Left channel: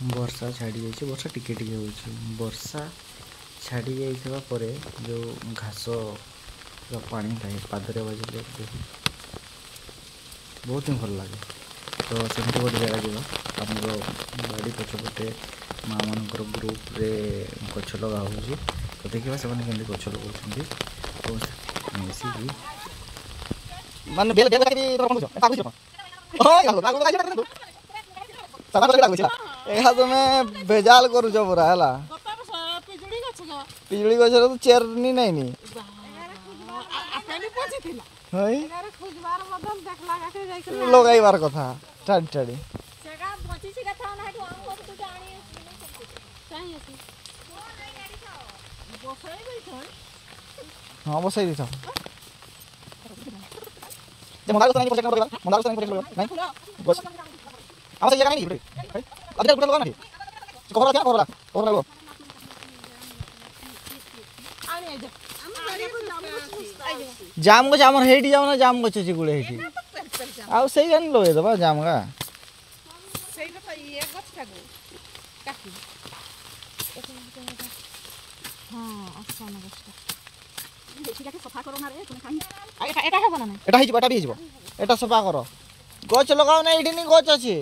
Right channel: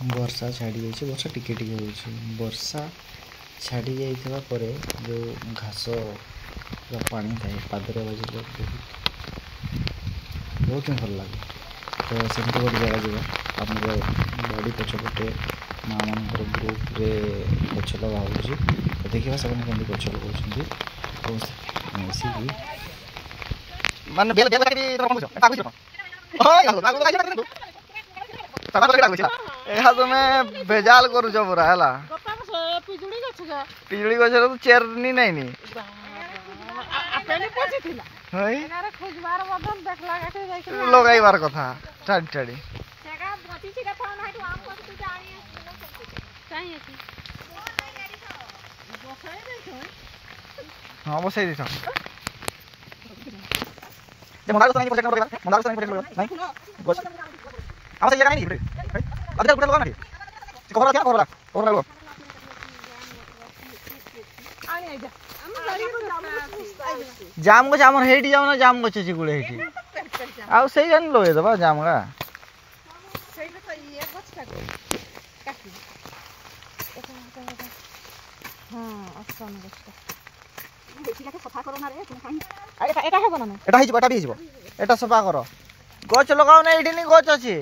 वर्षा छाड़ी जाइए वर्षा टिके टिके होइछि वर्षा छाड़ी जाइथिबा परे जो घास पानी थाए पादरे बाजिले बहुत ही भल लगे। तो सेमती गोटे जगह जावा आमर बाड़ी पछपटे माँ मान ग्रुप रे गछ लगा हो तो देखा से गछ लगा तो मिसिकी मान बेल बेल करी तो पहुंचो ताकू छ ओ गालो लागो गाइला सदा बगे डागु छ एहा तुमे बेजाल करू छ पूरा हला पिजुड़ी गछ तो चेरनी नहीं नी अपने पछे थिला हई एनारे खोजबार बदन देखला गाटी जाई लगाइबार कथा टाडी टाडी सेगा बची छि कथा ना हेतु आम को तू जानी चाहि अछि बसाई दे छ हां बसाई दे छ जे मंदार को नहीं प्रोजेक्ट करेगा मंदार को नहीं प्रोजेक्ट करेगा नहीं बस आम से जगह नहीं है अभी तक लगा नहीं कोहरा क्या कोहरा कोहरा लो आनी आइ जा जाम गछ हमर हेटी जाम ना जाम गछ छि गुळे हेटी आ सही गन लोए दबा जाम गा सही कथा ये गछ का काकी असन गछ देखि के सफा करो ना रे कोन खाई एटा हेबो ना एटा ही हिजबो एटा सफा करो गछ लगाओ ना एठी नहीं गछ अछि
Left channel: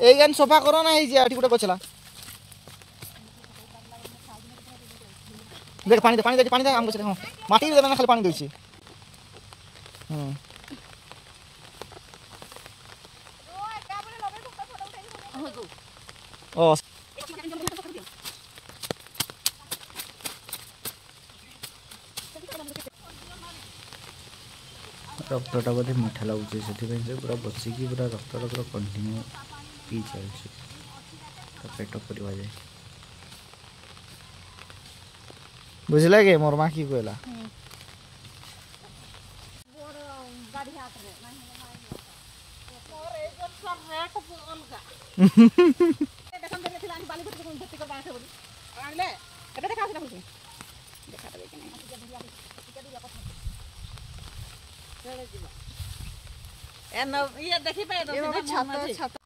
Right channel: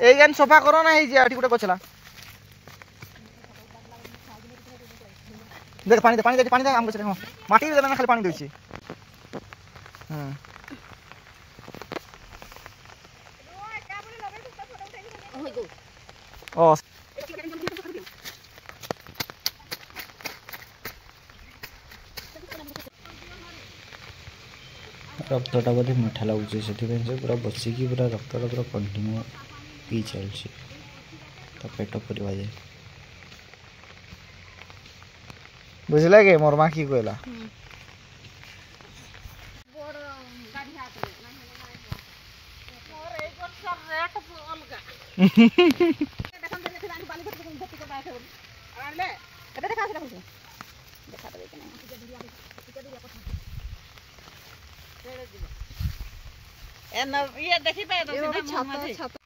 ए गन सफा करो ना ही जे एठी गुटे गछला देख पानी दे आम गछ हां माटी दे ना खाली पानी दै छी हां ओ रक्तटा बोधे मीठा लगुच से पूरा बसिकी पूरा रक्तटा पूरा कंटिन्यू पी चलছি तो पेट पूरा जाए बुझला के मोर मां की कहला बोर गाड़ी हाथ रे मोर एक वर्ष रेट अलगा देखन देने थिला बाली भर्ती को भर्ती कर पाए बोली आनले एबे देखा आसी देखु देखा देबे के नहीं टिका दिया पछा ए न ये देखि पाए तो छाता